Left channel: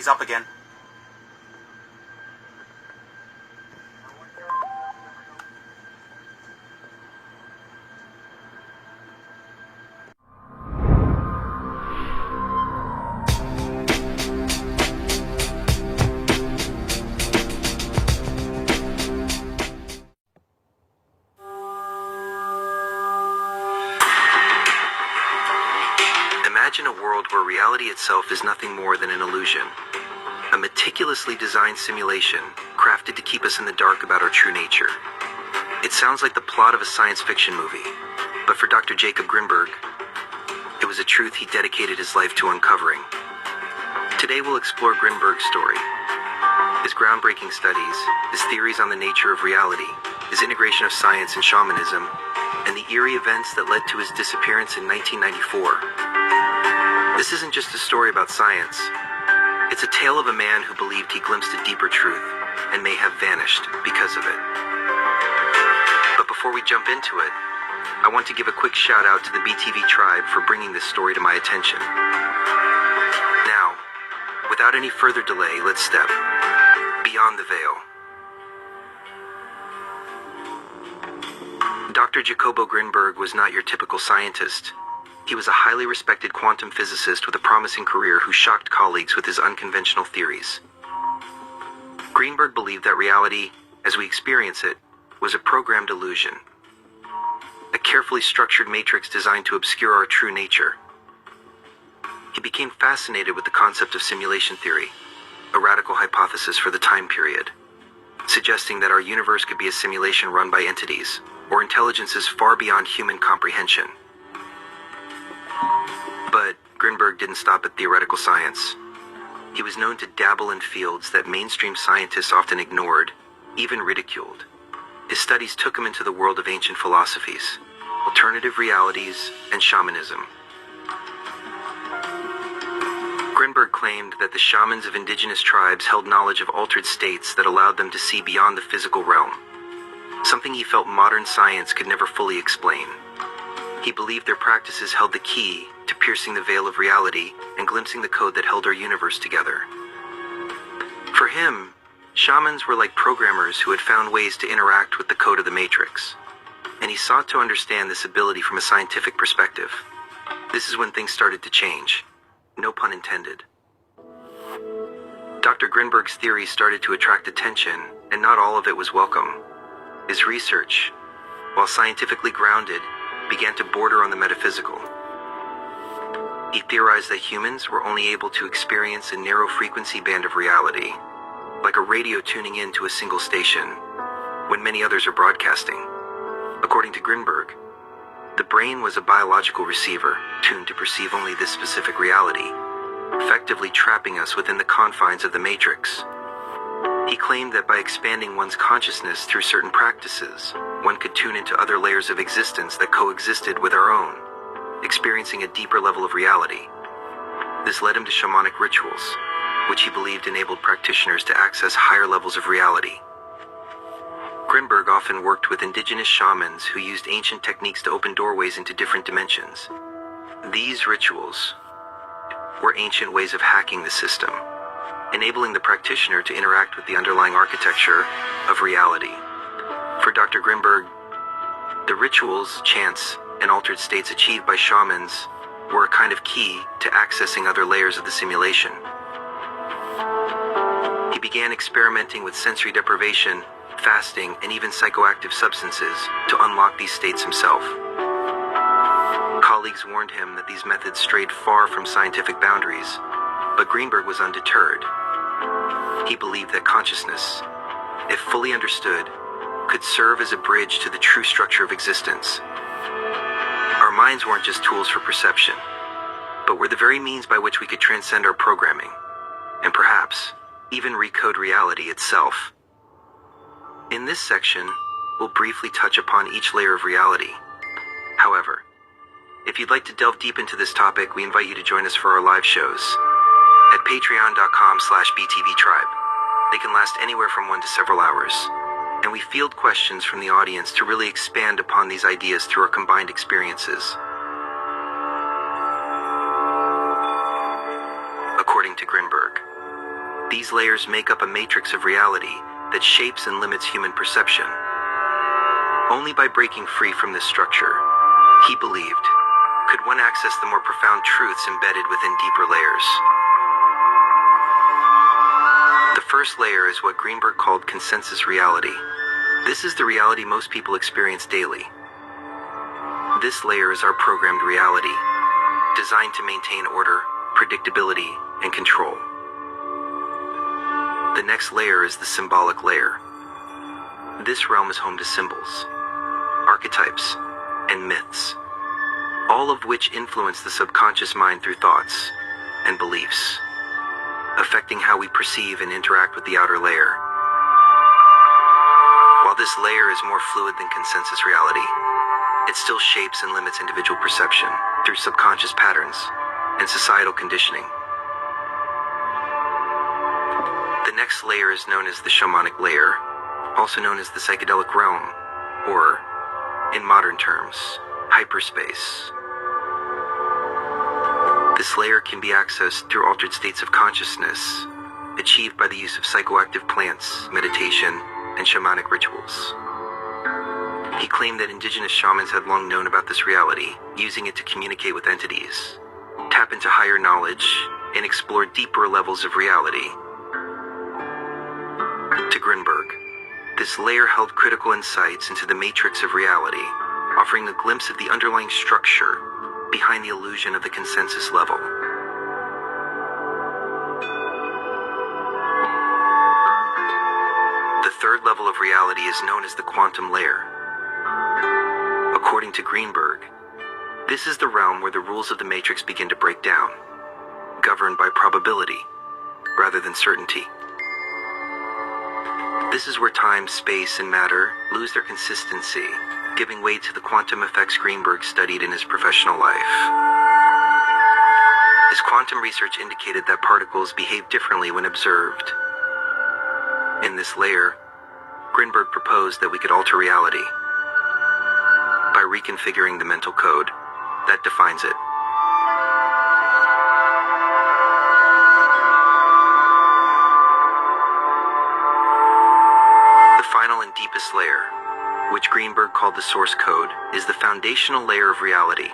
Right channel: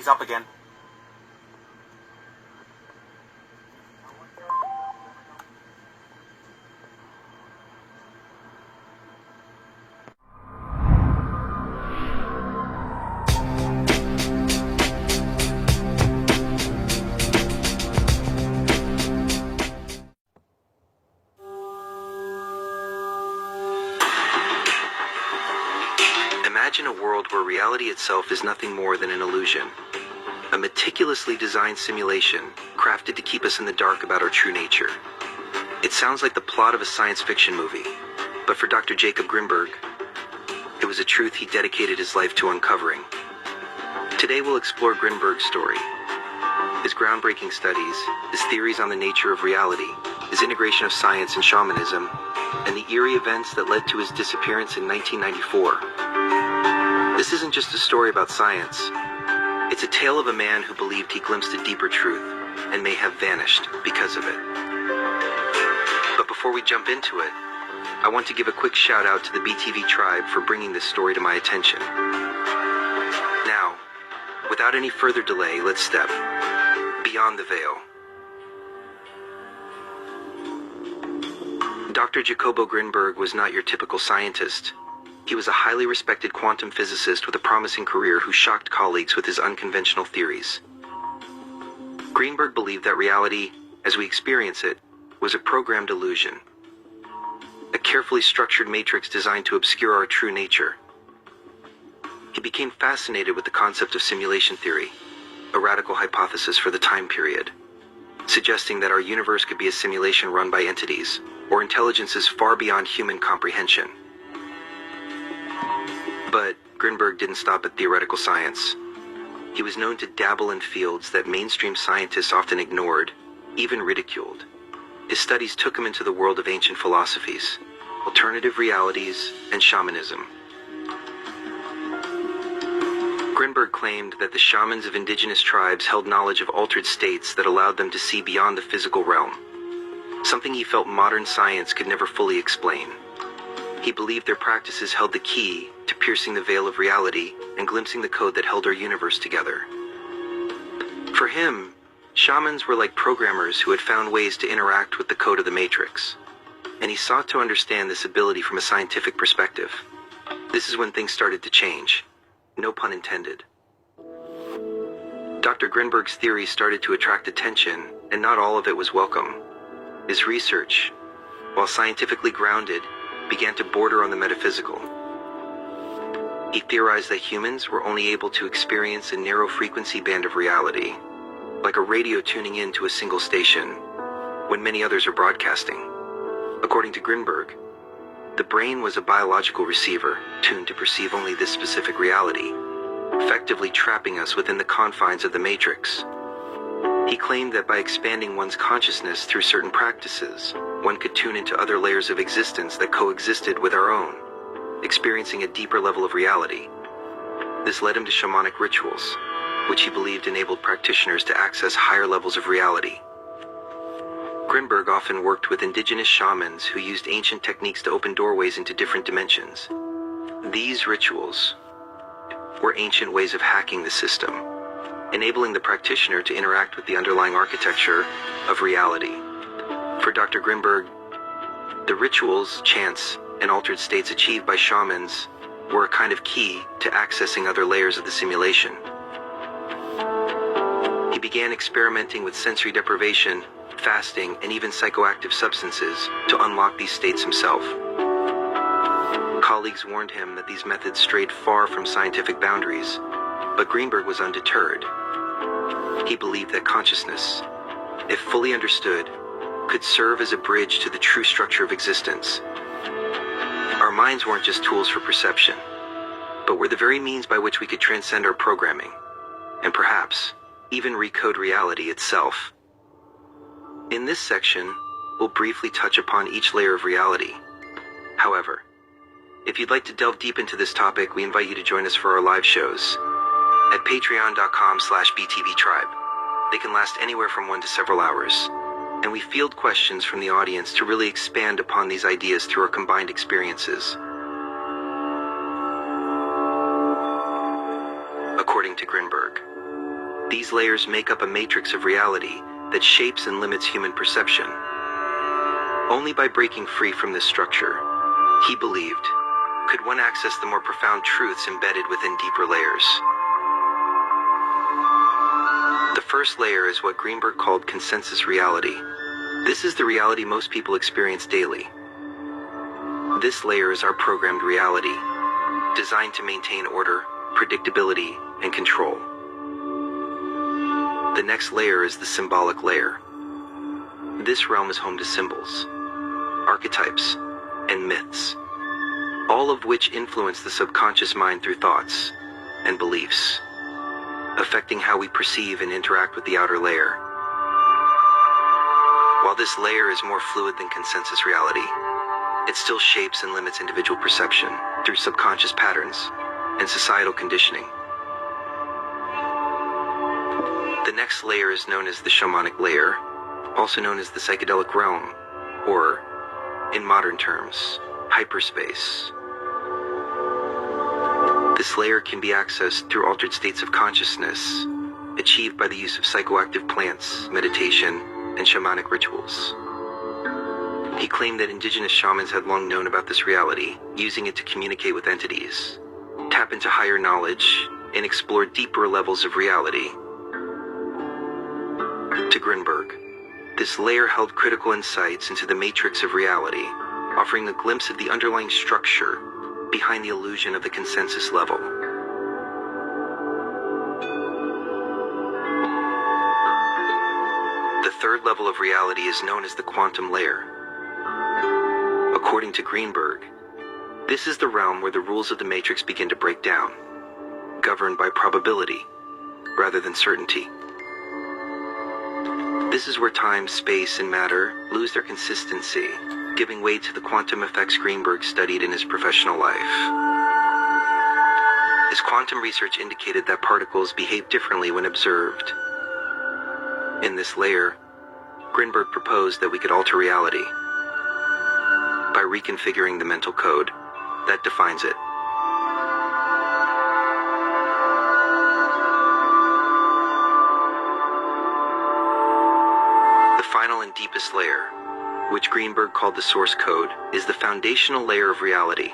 He's up again. Imagine a world where reality itself is nothing more than an illusion. A meticulously designed simulation crafted to keep us in the dark about our true nature. It sounds like the plot of a science fiction movie, but for Dr. Jacob Grinberg, it was a truth he dedicated his life to uncovering. Today we'll explore Grinberg's story, his groundbreaking studies, his theories on the nature of reality, his integration of science and shamanism, and the eerie events that led to his disappearance in 1994. This isn't just a story about science. It's a tale of a man who believed he glimpsed a deeper truth and may have vanished because of it. But before we jump into it, I want to give a quick shout out to the BTV tribe for bringing this story to my attention. Now, without any further delay, let's step beyond the veil. Dr. Jacobo Grinberg was not your typical scientist. He was a highly respected quantum physicist with a promising career who shocked colleagues with his unconventional theories. Grinberg believed that reality, as we experience it, was a programmed illusion, a carefully structured matrix designed to obscure our true nature. He became fascinated with the concept of simulation theory, a radical hypothesis for the time period, suggesting that our universe could be a simulation run by entities or intelligences far beyond human comprehension. But Grinberg didn't stop at theoretical science. He was known to dabble in fields that mainstream scientists often ignored, even ridiculed. His studies took him into the world of ancient philosophies, alternative realities, and shamanism. Grinberg claimed that the shamans of indigenous tribes held knowledge of altered states that allowed them to see beyond the physical realm, something he felt modern science could never fully explain. He believed their practices held the key to piercing the veil of reality and glimpsing the code that held our universe together. For him, shamans were like programmers who had found ways to interact with the code of the matrix, and he sought to understand this ability from a scientific perspective. This is when things started to change. No pun intended. Dr. Grinberg's theory started to attract attention, and not all of it was welcome. His research, while scientifically grounded, began to border on the metaphysical. He theorized that humans were only able to experience a narrow frequency band of reality, like a radio tuning in to a single station, when many others are broadcasting. According to Grinberg, the brain was a biological receiver tuned to perceive only this specific reality, effectively trapping us within the confines of the matrix. He claimed that by expanding one's consciousness through certain practices, one could tune into other layers of existence that coexisted with our own, experiencing a deeper level of reality. This led him to shamanic rituals, which he believed enabled practitioners to access higher levels of reality. Grinberg often worked with indigenous shamans who used ancient techniques to open doorways into different dimensions. These rituals were ancient ways of hacking the system, enabling the practitioner to interact with the underlying architecture of reality. For Dr. Grinberg, the rituals, chants, and altered states achieved by shamans were a kind of key to accessing other layers of the simulation. He began experimenting with sensory deprivation, fasting, and even psychoactive substances to unlock these states himself. Colleagues warned him that these methods strayed far from scientific boundaries, but Grinberg was undeterred. He believed that consciousness, if fully understood, could serve as a bridge to the true structure of existence. Our minds weren't just tools for perception, but were the very means by which we could transcend our programming, and perhaps even recode reality itself. In this section, we'll briefly touch upon each layer of reality. However, if you'd like to delve deep into this topic, we invite you to join us for our live shows at patreon.com/btvtribe. They can last anywhere from 1 to several hours, and we field questions from the audience to really expand upon these ideas through our combined experiences. According to Grinberg, These layers make up a matrix of reality that shapes and limits human perception. Only by breaking free from this structure, he believed, could one access the more profound truths embedded within deeper layers. The first layer is what Greenberg called consensus reality. This is the reality most people experience daily. This layer is our programmed reality, designed to maintain order, predictability, and control. The next layer is the symbolic layer. This realm is home to symbols, archetypes, and myths, all of which influence the subconscious mind through thoughts and beliefs, affecting how we perceive and interact with the outer layer. While this layer is more fluid than consensus reality, it still shapes and limits individual perception through subconscious patterns and societal conditioning. The next layer is known as the shamanic layer, also known as the psychedelic realm, or, in modern terms, hyperspace. This layer can be accessed through altered states of consciousness, achieved by the use of psychoactive plants, meditation, and shamanic rituals. He claimed that indigenous shamans had long known about this reality, using it to communicate with entities, tap into higher knowledge, and explore deeper levels of reality. To Greenberg, this layer held critical insights into the matrix of reality, offering a glimpse of the underlying structure behind the illusion of the consensus level. The third level of reality is known as the quantum layer. According to Greenberg, this is the realm where the rules of the matrix begin to break down, governed by probability rather than certainty. This is where time, space, and matter lose their consistency, giving way to the quantum effects Greenberg studied in his professional life. His quantum research indicated that particles behave differently when observed. In this layer, Greenberg proposed that we could alter reality by reconfiguring the mental code that defines it. The final and deepest layer, which Greenberg called the source code, is the foundational layer of reality,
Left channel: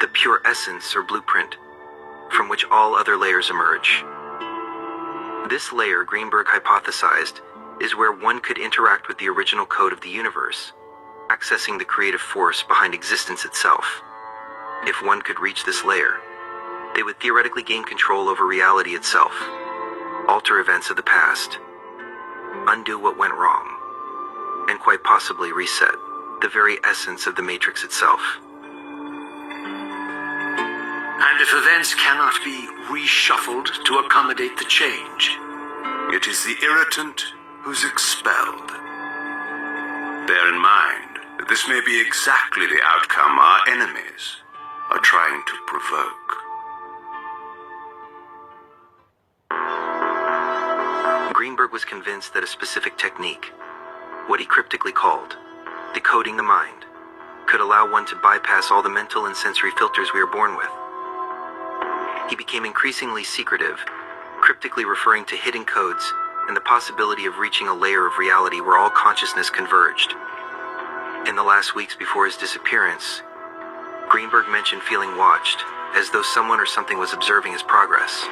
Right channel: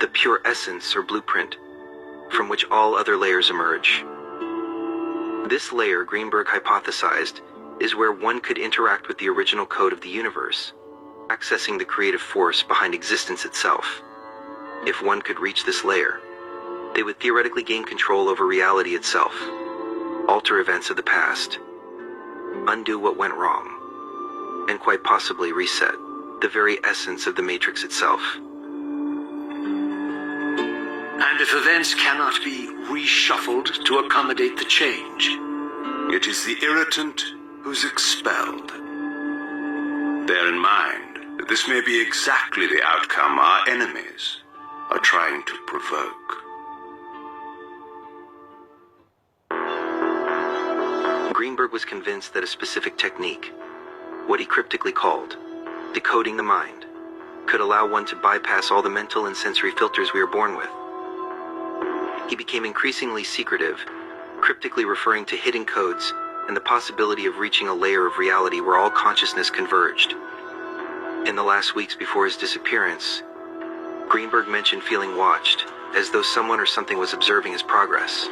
the pure essence or blueprint from which all other layers emerge. This layer, Greenberg hypothesized, is where one could interact with the original code of the universe, accessing the creative force behind existence itself. If one could reach this layer, they would theoretically gain control over reality itself, alter events of the past, undo what went wrong, and quite possibly reset the very essence of the matrix itself. And if events cannot be reshuffled to accommodate the change, it is the irritant who's expelled. Bear in mind that this may be exactly the outcome our enemies are trying to provoke. Greenberg was convinced that a specific technique, what he cryptically called decoding the mind, could allow one to bypass all the mental and sensory filters we are born with. He became increasingly secretive, cryptically referring to hidden codes and the possibility of reaching a layer of reality where all consciousness converged. In the last weeks before his disappearance, Greenberg mentioned feeling watched, as though someone or something was observing his progress.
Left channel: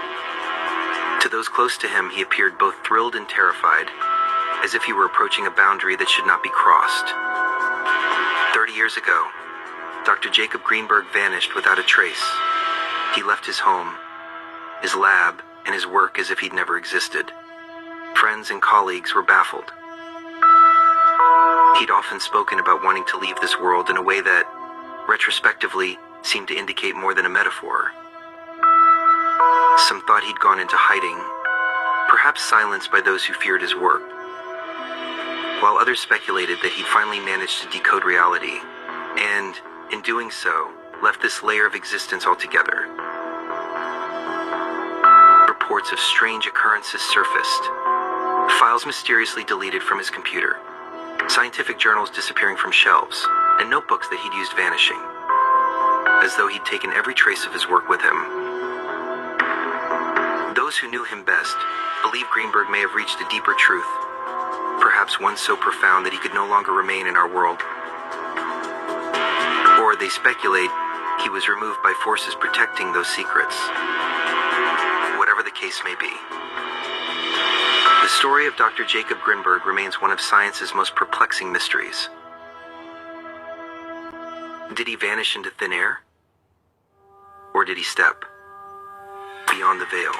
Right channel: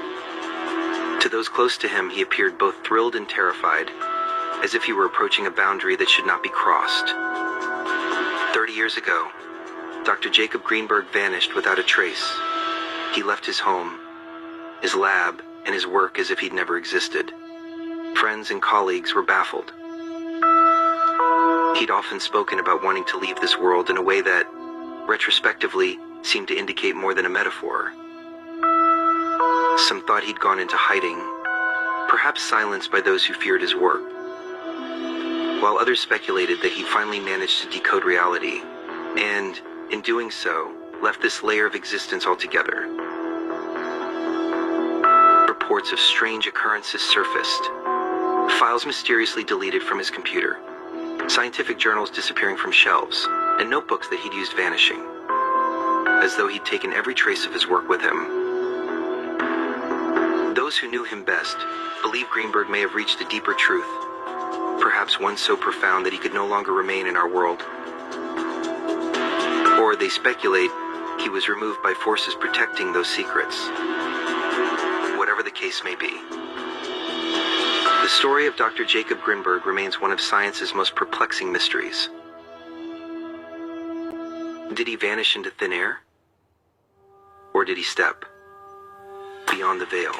To those close to him, he appeared both thrilled and terrified, as if he were approaching a boundary that should not be crossed. 30 years ago, Dr. Jacob Greenberg vanished without a trace. He left his home, his lab, and his work as if he'd never existed. Friends and colleagues were baffled. He'd often spoken about wanting to leave this world in a way that, retrospectively, seemed to indicate more than a metaphor. Some thought he'd gone into hiding, perhaps silenced by those who feared his work, while others speculated that he'd finally managed to decode reality, and, in doing so, left this layer of existence altogether. Reports of strange occurrences surfaced, files mysteriously deleted from his computer, scientific journals disappearing from shelves, and notebooks that he'd used vanishing, as though he'd taken every trace of his work with him. Those who knew him best believe Greenberg may have reached a deeper truth, perhaps one so profound that he could no longer remain in our world. Or they speculate he was removed by forces protecting those secrets. Whatever the case may be, the story of Dr. Jacob Greenberg remains one of science's most perplexing mysteries. Did he vanish into thin air? Or did he step beyond the veil?